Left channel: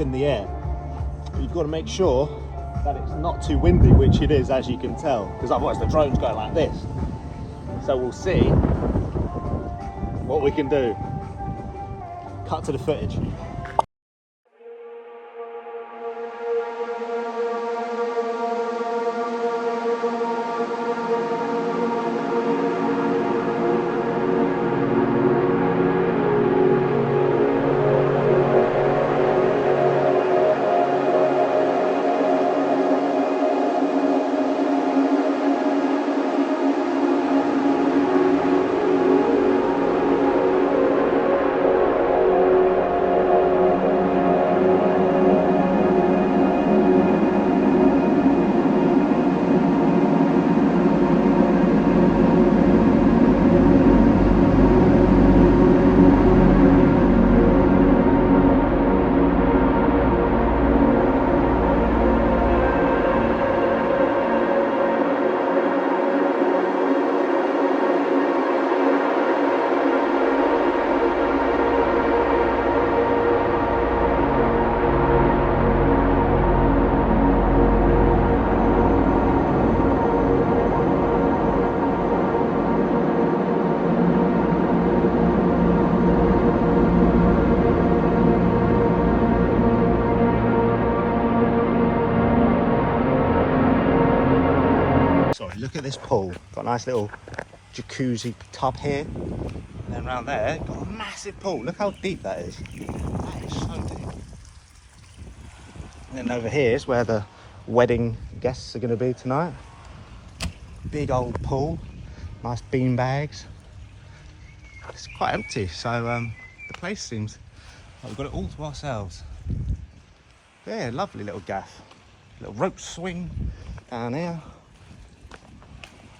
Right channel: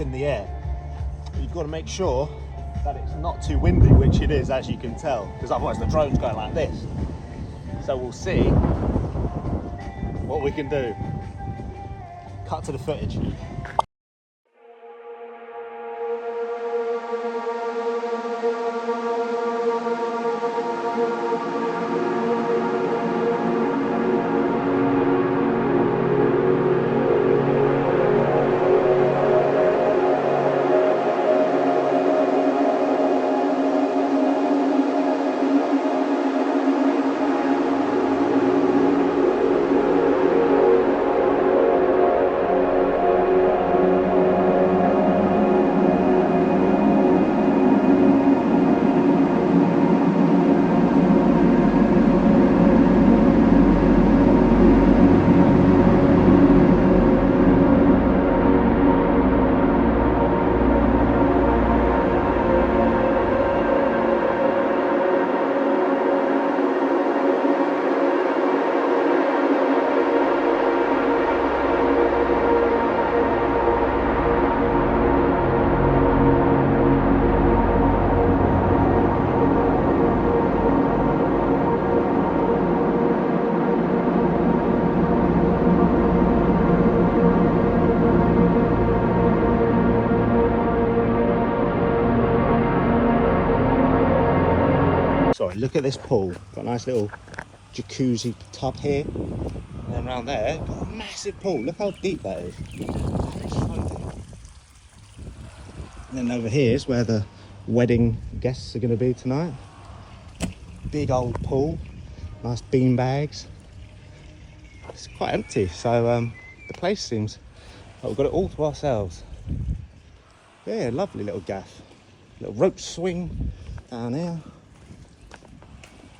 in the air. But you've got to make sure that it's not too windy, which it is, as you can tell, because otherwise the drone's going like this. So we'll see what we can do. Cut to the footage. Sorry, look at this pool. Got a nice little jacuzzi tub here. And then around there, got a massive pool. Look how deep that is. So deep. And then over here is where the wedding guests are going to be tonight. Big old pool. Nice bean bags. It's quite empty, so the place seems like we've got it all to ourselves. Yeah, lovely little gaff. Little rope swing down here.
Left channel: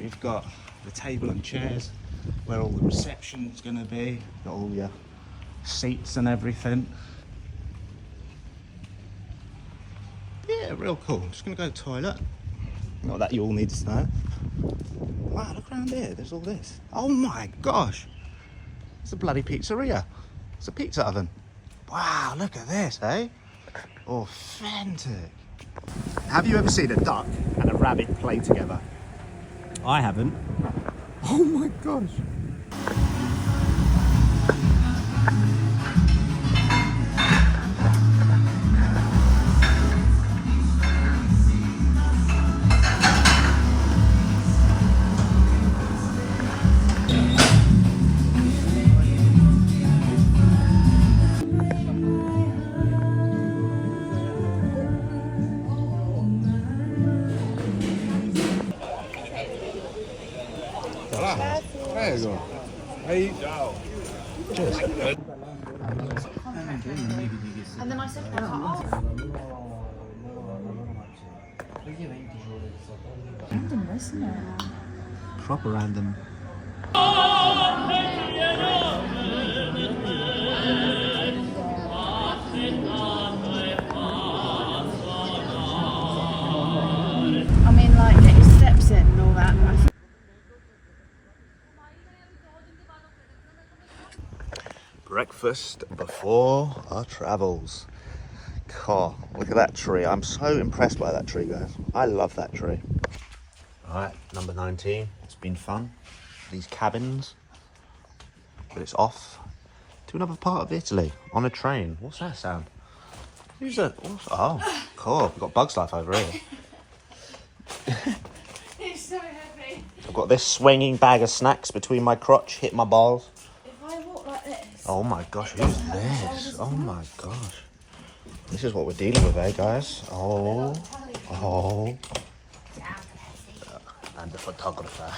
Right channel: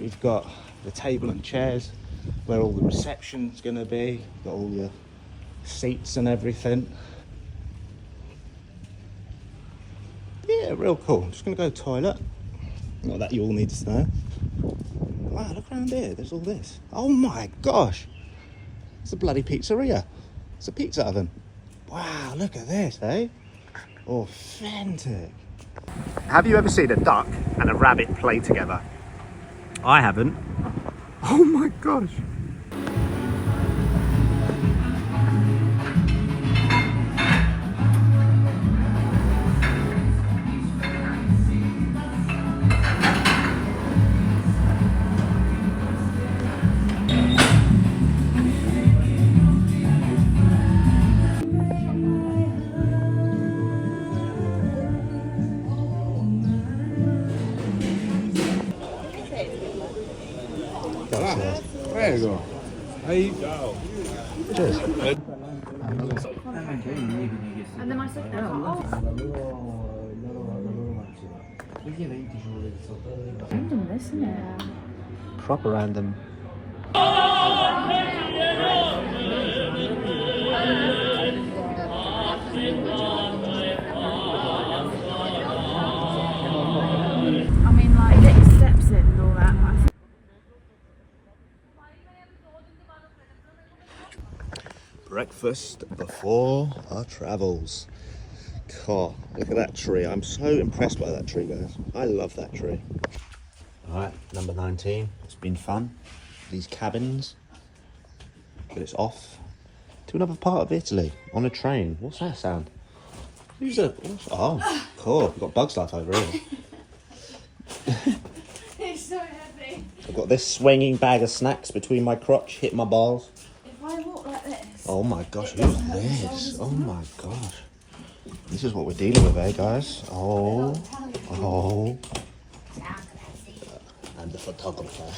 We've got the table and chairs where all the reception's gonna be. Got all your seats and everything. Yeah, real cool. I'm just gonna go to the toilet. Not that you all need to know. Wow, look around here. There's all this. Oh my gosh. It's a bloody pizzeria. It's a pizza oven. Wow, look at this, eh? Authentic. Have you ever seen a duck and a rabbit play together? I haven't. Oh my gosh. Prego. Aí. Cheers. And then I said, oh, random, isn't it? Proper random. I mean, like, get your steps in and all that. But I think Breakfast before our travels. God, look at that tree. I'm so impressed by that tree, guys. I love that tree. All right, number 19. It's been fun. These cabins. But it's off to another part of Italy on a train. What's that sound? Who's that? Oh, cool. We've got Bugs Life over here. it's so heavy. I've got this swinging bag of snacks between my crotch, hit my balls. If I walk like this. Oh my gosh, who's this? Oh my gosh. This is what we're dealing with, eh, guys? Oh. And the photographer.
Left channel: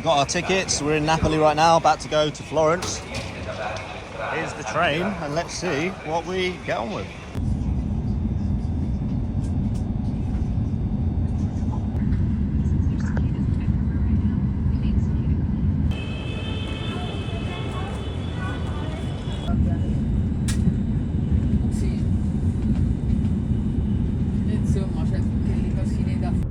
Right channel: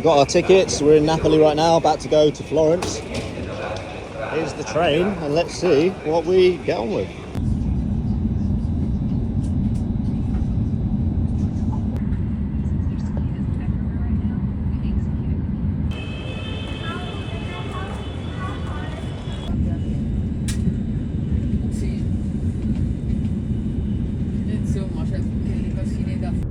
We got our tickets. We're in Napoli right now, about to go to Florence. Here's the train, and let's see what we get on with. Sì. Insomma, c'è delle cosine da fare.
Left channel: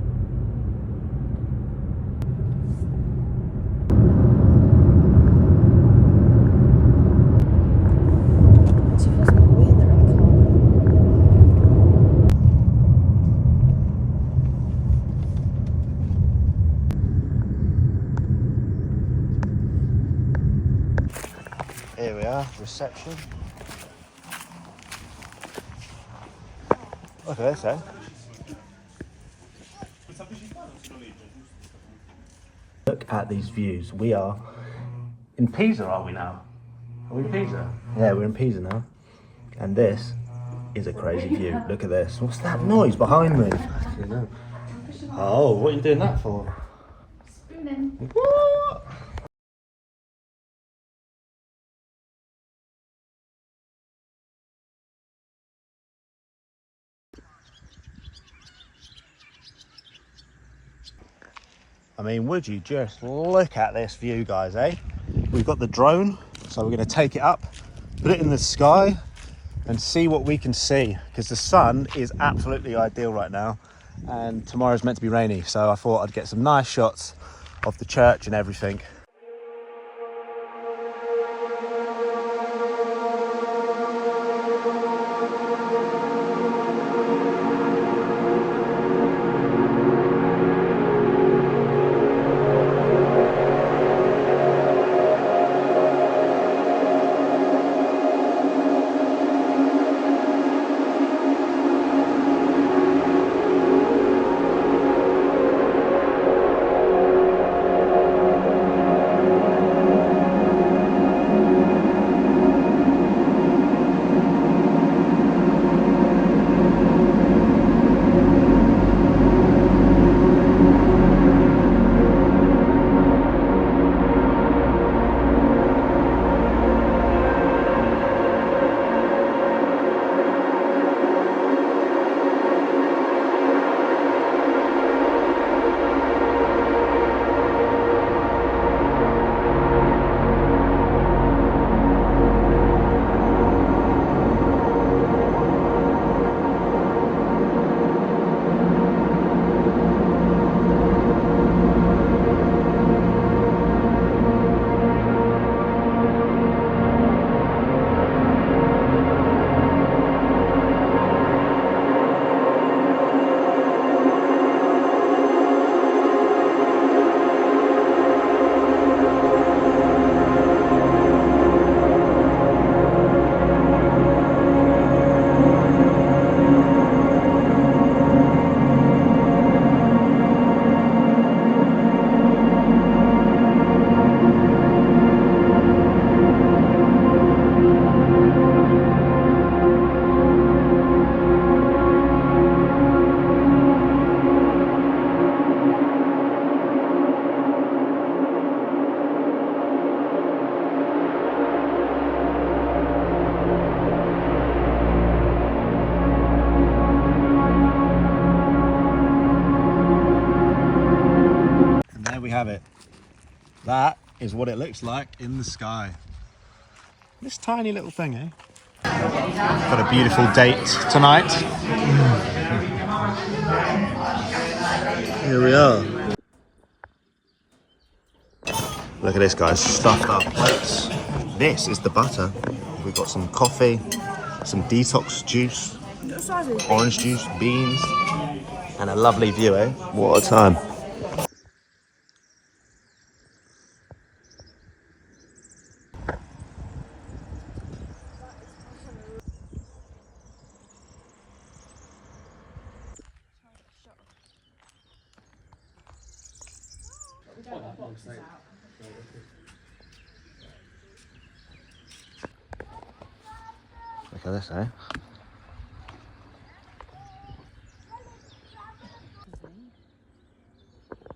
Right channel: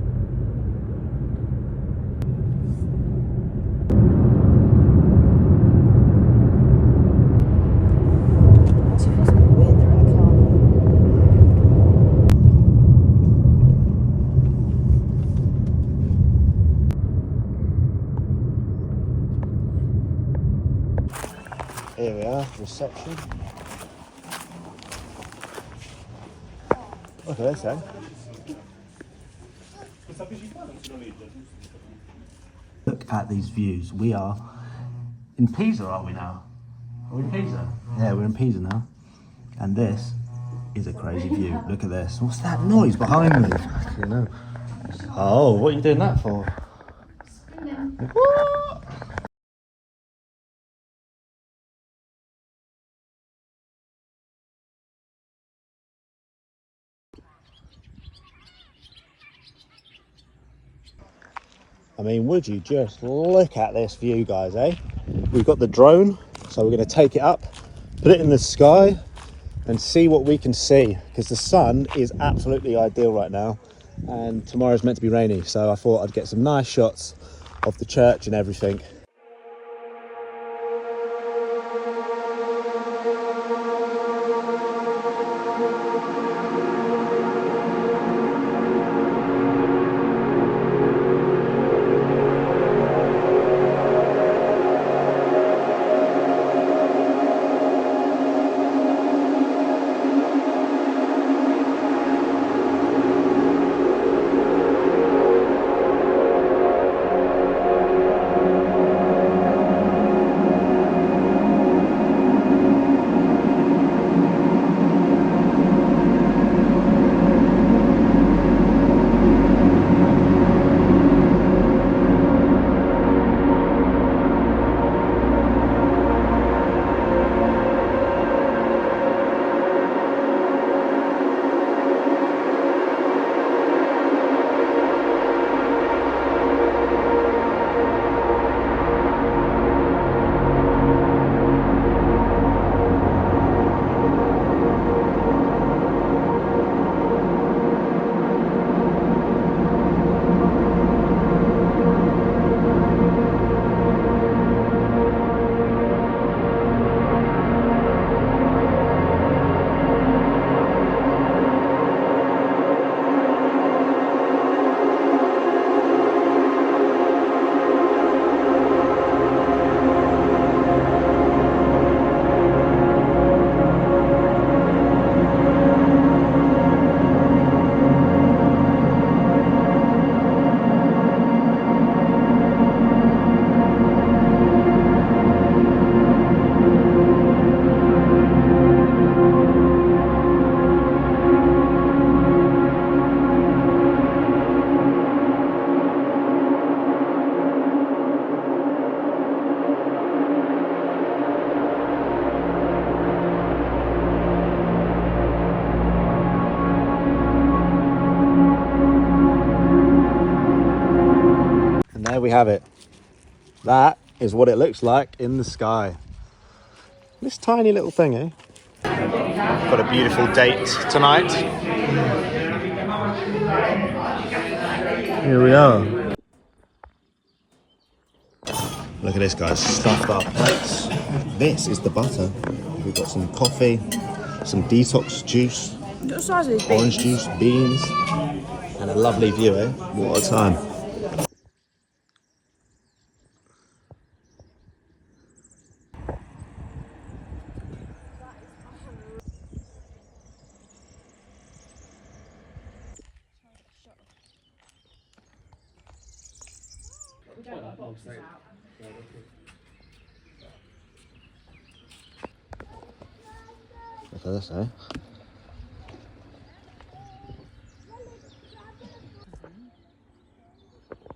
Here we are, reception. Look at this, eh? Look at these views. We are in Pisa, are we now? Are we in Pisa? Yeah, we're in Pisa now. And this is a crazy view. Look at this. What's that noise behind me? Oh, what are you doing that for? What? I mean, would you just look at this view, guys, eh? We've got the drone, so we're going to take it up, put it in the sky, and see what we can see, because the sun is absolutely ideal right now, and tomorrow's meant to be rainy, so I thought I'd get some nice shots of the church and everything. And there we have it. That is what it looks like in the sky. This tiny little thing, eh? Got a beautiful date tonight. Here we are. Look at this, guys. Stuffed up plates. This is the butter. We've got some coffee, some detox juice, orange juice, beans, and a lovely view, eh? What a time. Look at this, eh?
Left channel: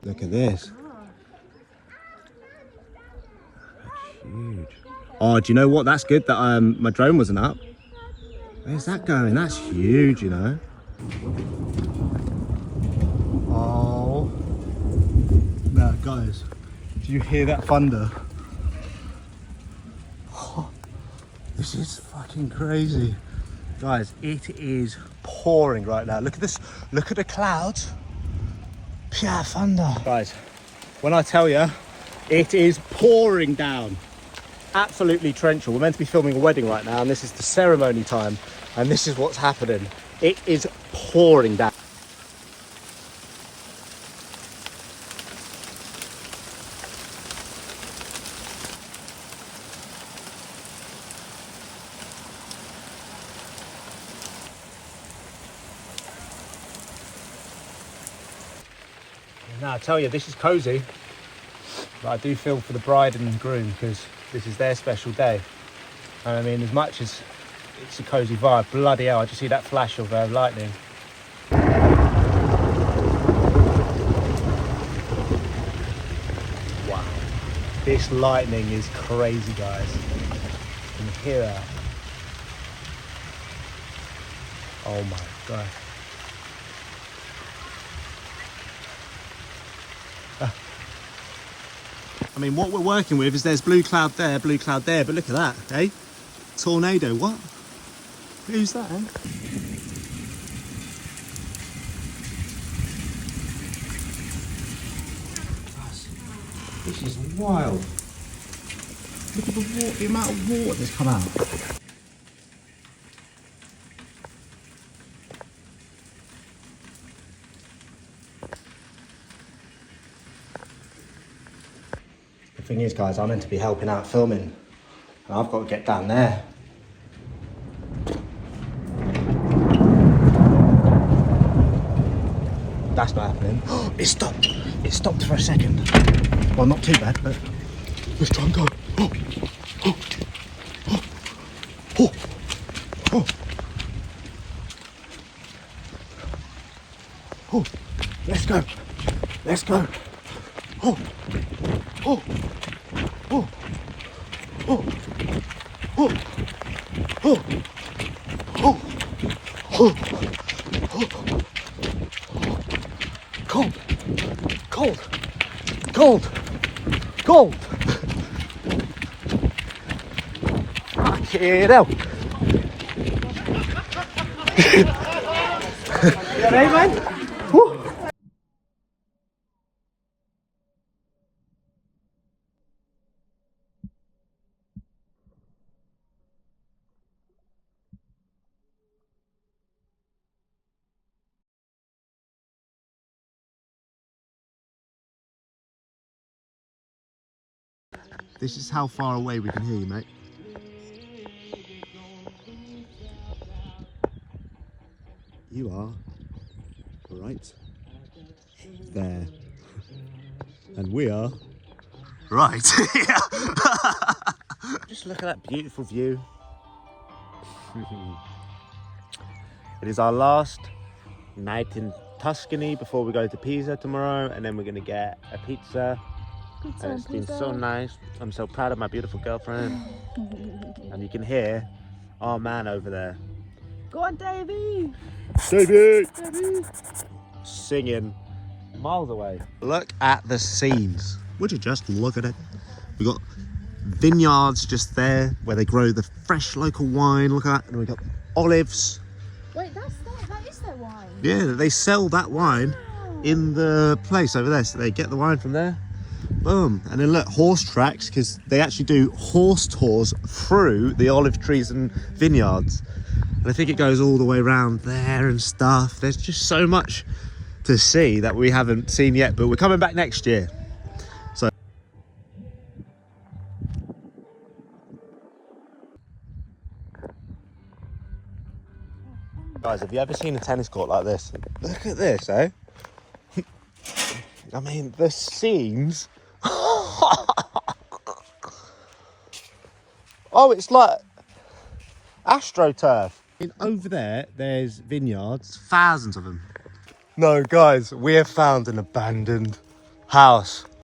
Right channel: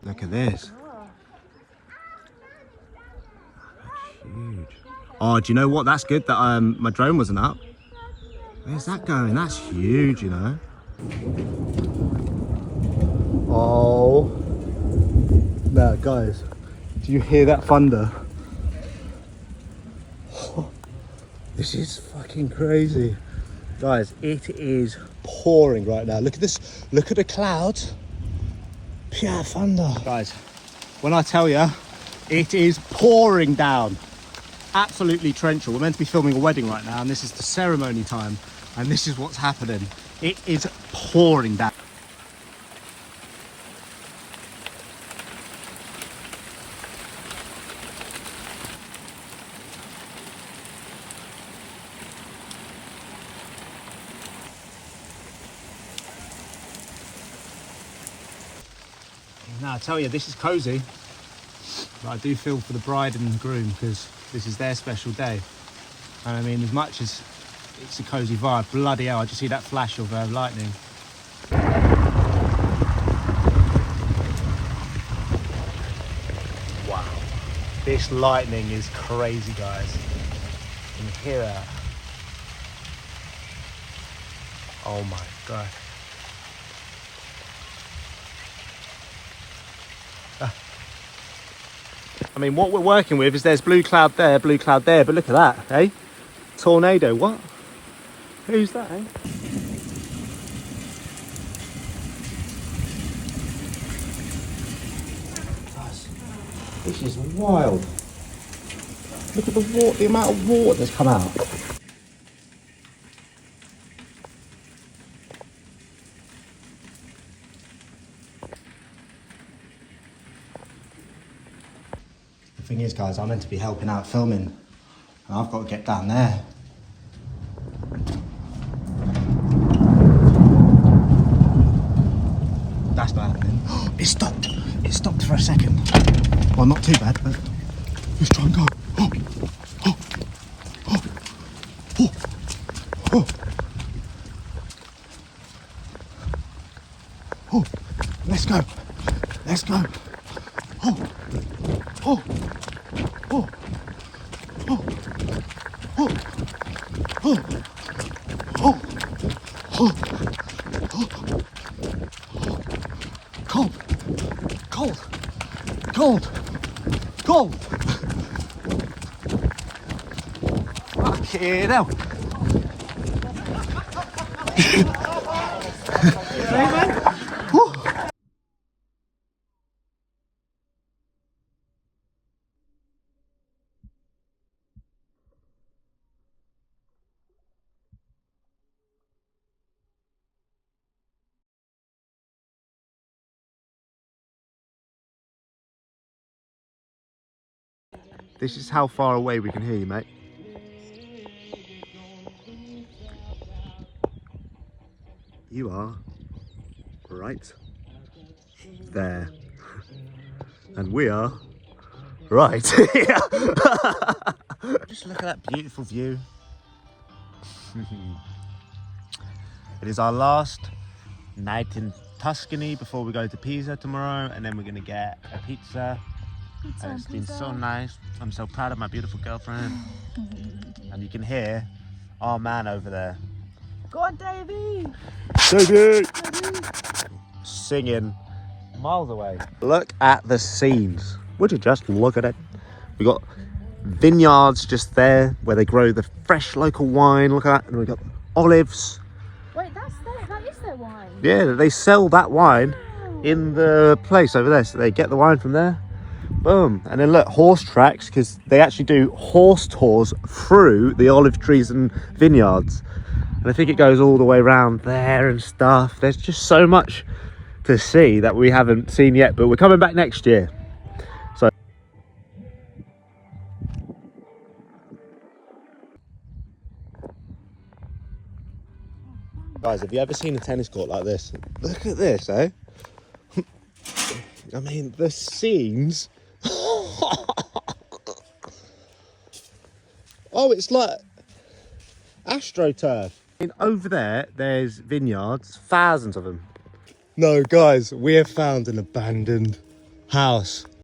Look at this. huge. Oh, do you know what? That's good that my drone wasn't up. Where's that going? That's huge, you know. Oh. Now, guys, do you hear that thunder? Oh, this is fucking crazy. Guys, it is pouring right now. Look at this. Look at the clouds. Pure thunder. Guys, when I tell you, it is pouring down. Absolutely torrential. We're meant to be filming a wedding right now, and this is the ceremony time, and this is what's happening. It is pouring down. Now I tell you, this is cozy, but I do feel for the bride and groom because this is their special day. And I mean, as much as it's a cozy vibe, bloody hell, I just see that flash of lightning. Wow, this lightning is crazy, guys. You can hear that. Oh my god. I mean, what we're working with is there's blue cloud there, but look at that, eh? Tornado, what? Who's that, eh? This is wild. Look at the amount of water that's come out. The thing is, guys, I'm meant to be helping out filming, and I've got to get down there. That's not happening. It stopped. It stopped for a second. Well, not too bad, but let's try and go. Oh, oh, oh, oh, oh, oh. Let's go. Let's go. Oh, oh, oh, oh, oh, oh, oh, oh, oh. Cold, cold, cold, cold. Fucking hell. Hey, man. This is how far away we can hear you, mate. You are right there. And we are right here. Just look at that beautiful view. It is our last night in Tuscany before we go to Pisa tomorrow, and then we're going to get a pizza. And it's been so nice. I'm so proud of my beautiful girlfriend. And you can hear our man over there. Go on, Davey! Davey! Singing miles away. Look at the scenes. Would you just look at it? We got vineyards just there where they grow the fresh local wine. Look at that. And we got olives. Wait, that is their wine? Yeah, they sell that wine in the place over there. So they get the wine from there. Boom. And then look, horse tracks, because they actually do horse tours through the olive trees and vineyards. And I think it goes all the way around there and stuff. There's just so much to see that we haven't seen yet, but we're coming back next year. So guys, have you ever seen a tennis court like this? Look at this, eh? I mean, the scenes. Oh, it's like AstroTurf. And over there, there's vineyards, thousands of them. No, guys, we have found an abandoned house.